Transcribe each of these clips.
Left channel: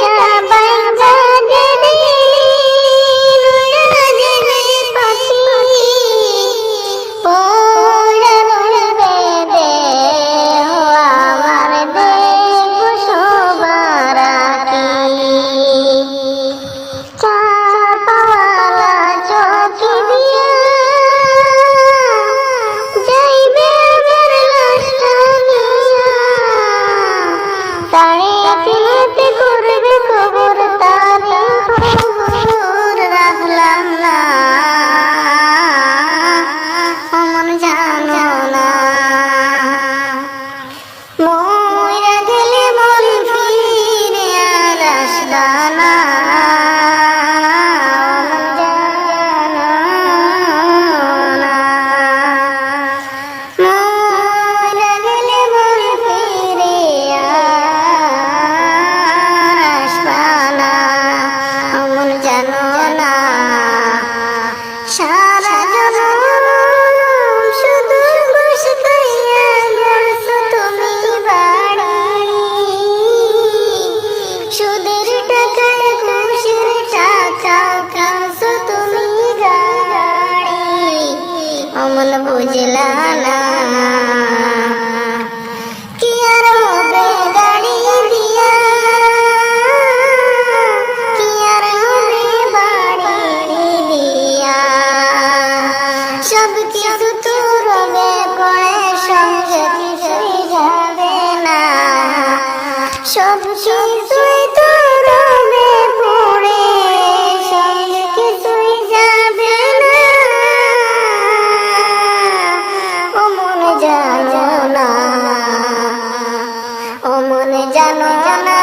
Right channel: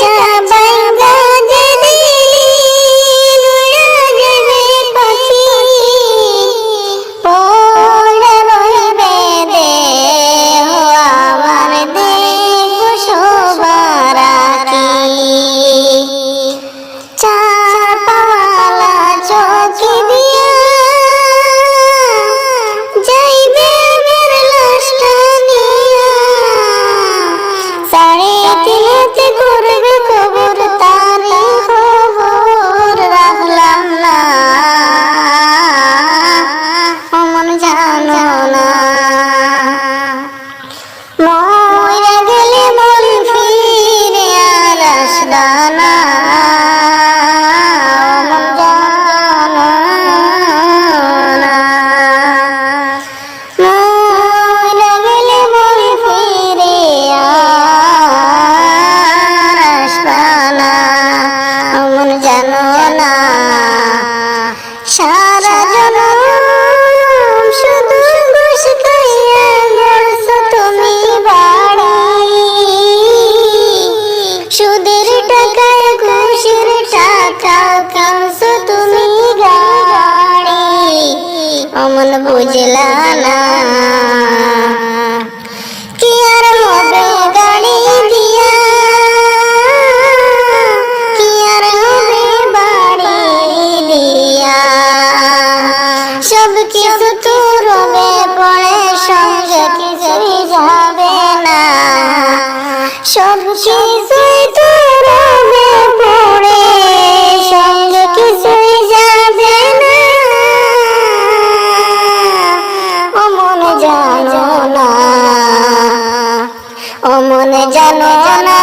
जबल বুঝলা না। ya no ya no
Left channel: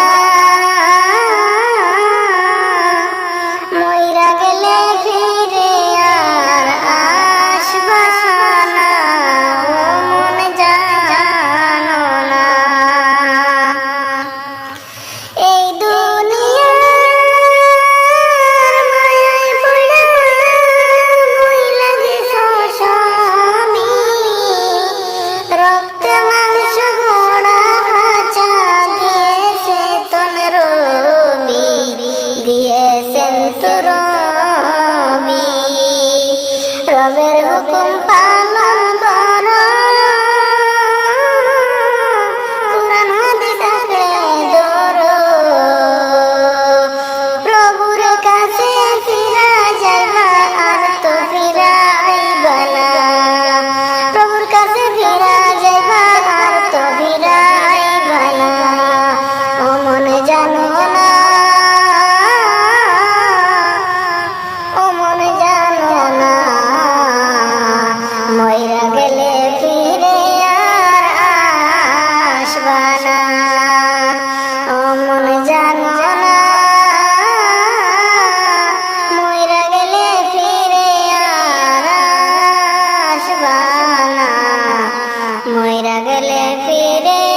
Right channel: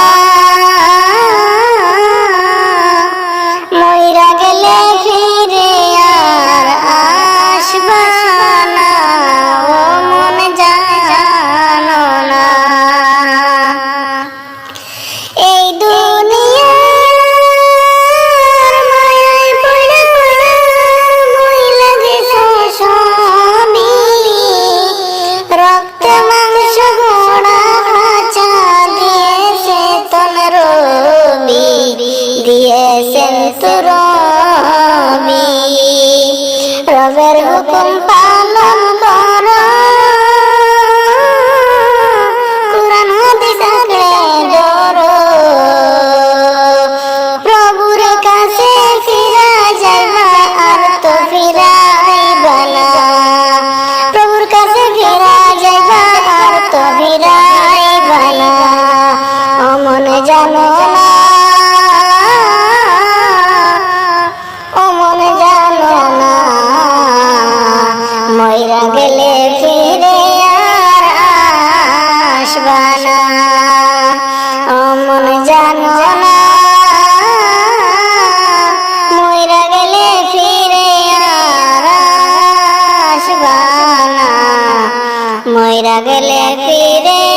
because of your love. ময়রা গেলে ফিরে